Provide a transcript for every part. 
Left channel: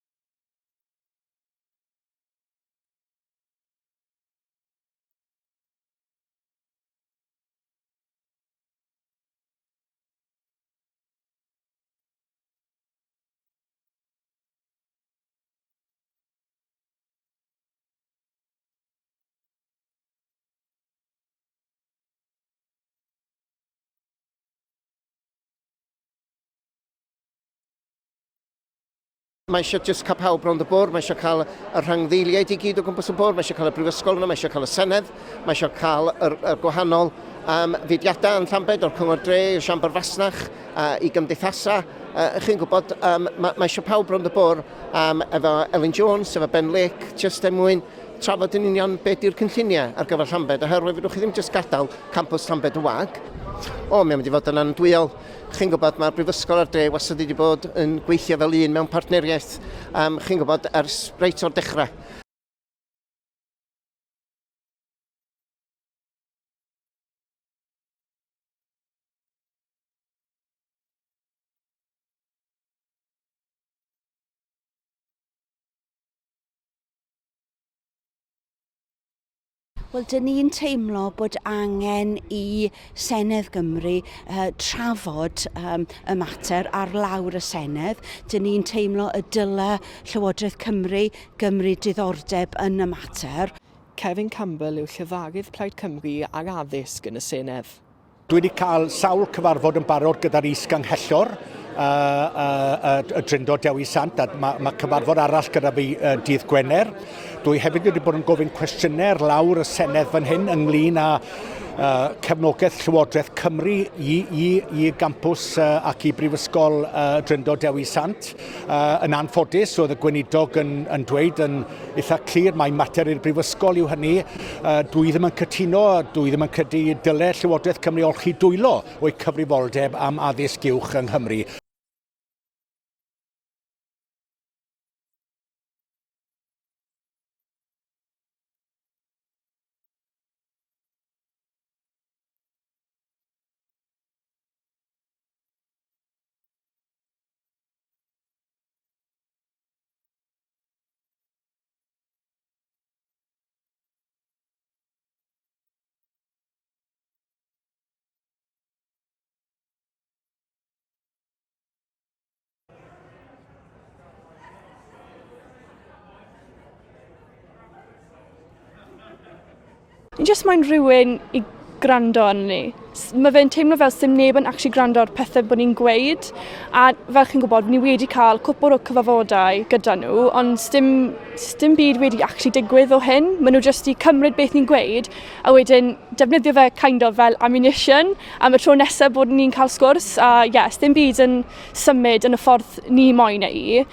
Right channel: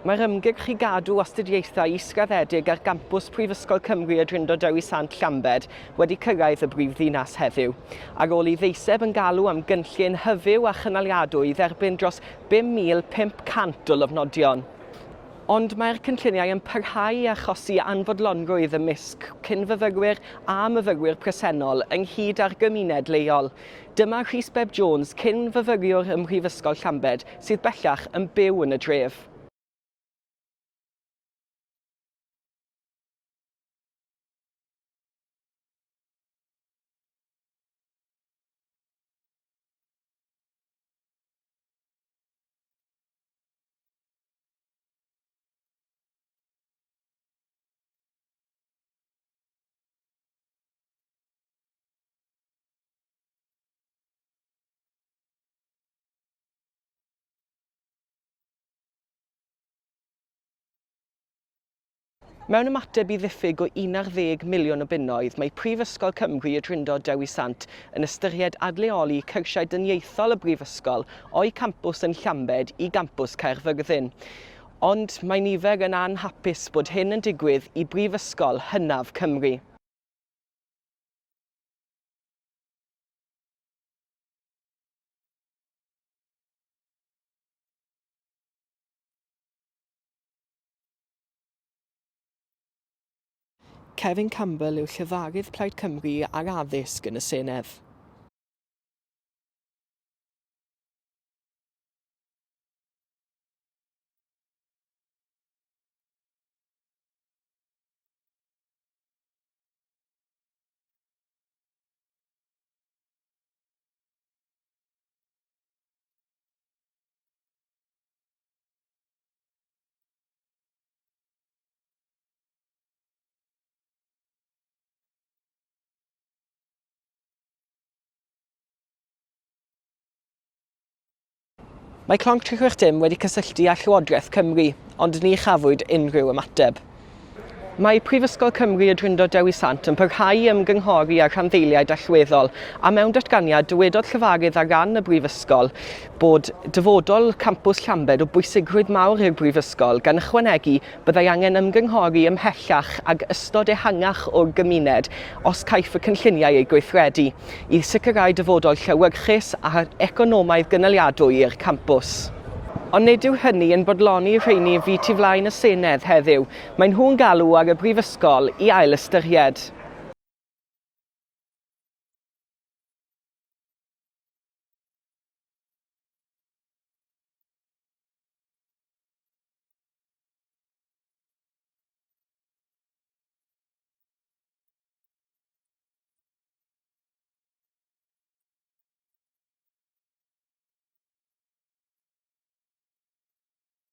Mae'r ymgyrch i gadw astudiaethau israddedig ar gampws Prifysgol Cymru y Drindod Dewi Sant Llambed wedi cyrraedd y brifddinas heddiw. Ar ôl I ddeiseb yn galw am gynllun hyfyw a chynaliadwy dderbyn dros 5,500 o lofnodion. Ond mae'r cynlluniau yn parhau a achosi anfodlonrwydd ymysg cynfyfyrwyr a myfyrwyr presennol ynghyd â'r gymuned leol. Dyma Rhys Beb Jones, cynfyfyriwr ym Mhrifysgol Llambed, sydd bellach yn byw yn y dref. Mae eisiau jyst cael pawb rownd y bwrdd, mae eisiau cael y rhangddeiliaid I gyd o gwmpas y bwrdd, mae eisiau cael y brifysgol yna, mae eisiau cael y Senedd, mae eisiau cael y gwahanol fudiadau yn Llambed o'r Cyngor Dre, y Siambr Fasnach, I gymdeithasau. Chi'n gwybod, mae eisiau pawb rownd y bwrdd efo Elin Jones, efo Ben Lake, jyst mwyn trafod yn union beth yw'r cynlluniau ar gyfer Llambed, oherwydd fydwch chi ddim jyst gadael campws Llambed y wag. Mae'n mynd I fod yn andwyol. Chi'n gwybod, mae'r Brifysgol ar Dre wastad wedi bod yn gweithio fel un mewn partneriaeth. Chi'n gwybod, ers reit o'r dechrau. Mewn ymateb I ddiffyg o 11 miliwn o bunnoedd, mae Prifysgol Cymru y Drindod Dewi Sant yn ystyried adleoli cyrsiau dyniaethol y Brifysgol o'i campws yn Llambed I gampws Caerfyrddin. Ond mae nifer yn anhapus bod hyn yn digwydd I Brifysgol hynaf Cymru. Wel, dyn ni'n teimlo bod angen I Senedd Gymru trafod y mater ar lawr y Senedd. Dyn ni'n teimlo y dyle Llywodraeth Cymru gymryd diddordeb yn y mater. Kevin Campbell yw Llyfarydd Plaid Cymru ar addysg yn y Senedd. Dwi wedi cael sawl cyfarfod yn barod gyda'r is-ganghellor y Drindod Dewi Sant, a mae cyfarfod arall gyda fi dydd Gwener. Dwi hefyd wedi bod yn gofyn cwestiynau lawr y Senedd fan hyn ynglyn â cefnogaeth Llywodraeth Cymru I gampws ac I Brifysgol Drindod Dewi Sant. Yn anffodus, oedd y gweinidog yn dweud yn eitha clir mae mater i'r Brifysgol yw hynny. Dwi ddim yn cytuno, dwi ddim yn credu dyle Llywodraeth Cymru olchi dwylo o'i cyfrifoldeb am addysg uwch yng Nghymru. Mae Clonc 360 wedi cysylltu â Llywodraeth Cymru, ond ni chafwyd unrhyw ymateb. Mae Prifysgol Cymru y Drindod Dewi Sant yn parhau ymgynghori ar rhanddeiliaid allweddol, a mewn datganiad dywedodd Llyfarydd ar ran y Brifysgol bod dyfodol campws Llambed o bwysigrwydd mawr i'r Brifysgol gan ychwanegu byddai angen ymgynghori ymhellach ag ystod ehangach o'r gymuned os caiff y cynlluniau ei gweithredu, I sicrhau dyfodol llewyrchus a economaidd gynaliadwy i'r campws. Ond nid yw hynny yn bodloni rheini fi tu flaen y Senedd heddiw. Mae nhw'n galw ar y Brifysgol I ail ystyried. Ni jyst moyn rhywun I gwrando arno ni. Mae fe'n teimlo fel sy'n neb yn actually gwrando ar pethau bod ni'n gweud. A fel chi'n gwybod, ni wedi cael cwpl o cyfarfodau gyda nhw, ond dim byd wedi actually digwydd o hyn. Maen nhw jyst I cymryd beth ni'n gweud, a wedyn defnyddio fe kind of fel ammunition, am y tro nesaf bod ni'n cael sgwrs. A dim byd yn symud yn y ffordd ni moyn ei.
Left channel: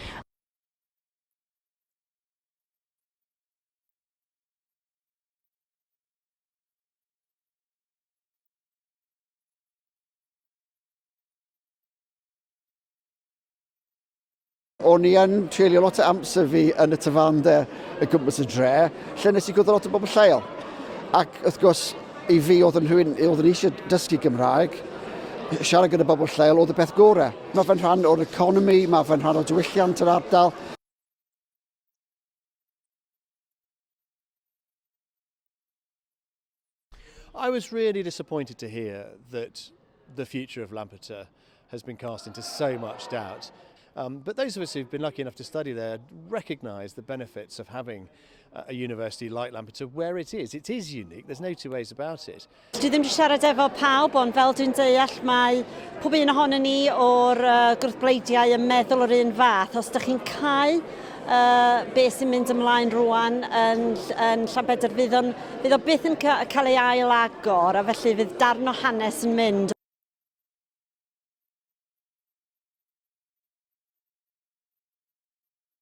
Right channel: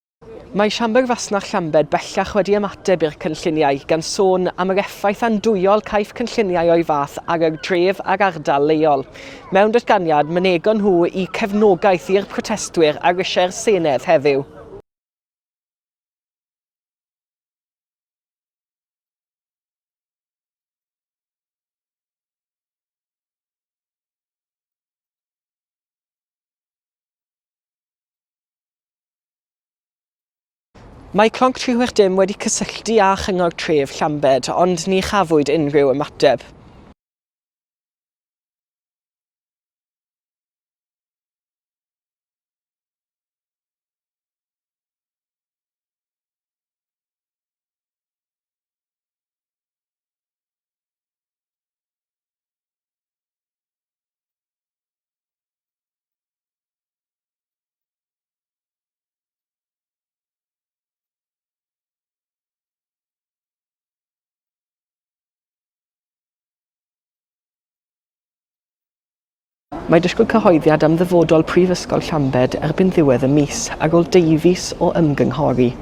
Mae Siambr Fasnach Llambed bellach wedi ymateb i'r cynlluniau gan sôn am yr effaith andwyol caiff cynlluniau o'i fath ar y dref ag ardal leol. Mewn datganiad, mynegon nhw I cefnogaeth i'r protestwyr ar rysiau'r Senedd heddiw. O'n i yn treulio lot o amser fi yn y tafandir y gwmpas y dre, lle nes I gwrdd lot o bobl lleol. Ac wrth gwrs, I fi oedd yn rhywun oedd yn eisiau dysgu Gymraeg, siarad gyda bobl lleol oedd y peth gorau. Mae fe'n rhan o'r economi, mae fe'n rhan o'r diwylliant yr ardal. Mae Clonc 360 wedi cysylltu â Chyngor Tref Llambed, ond ni chafwyd unrhyw ymateb. I was really disappointed to hear that the future of Lampeter has been cast into so much doubt. But those of us who've been lucky enough to study there recognise the benefits of having a university like Lampeter where it is. It is unique, there's no two ways about it. Dwi ddim wedi siarad efo pawb, ond fel dwi'n deall mae pob un ohonon ni o'r gwrthbleidiau yn meddwl o'r un fath. Os ydych chi'n cael beth sy'n mynd ymlaen rwan yn Llanbedr, fydd o byth yn cael ei ail-agor, a felly fydd darn o hanes yn mynd. Mae disgwyl cyhoeddiad am ddyfodol Prifysgol Llambed erbyn ddiwedd y mis, ar ôl 2 fis o ymgynghori.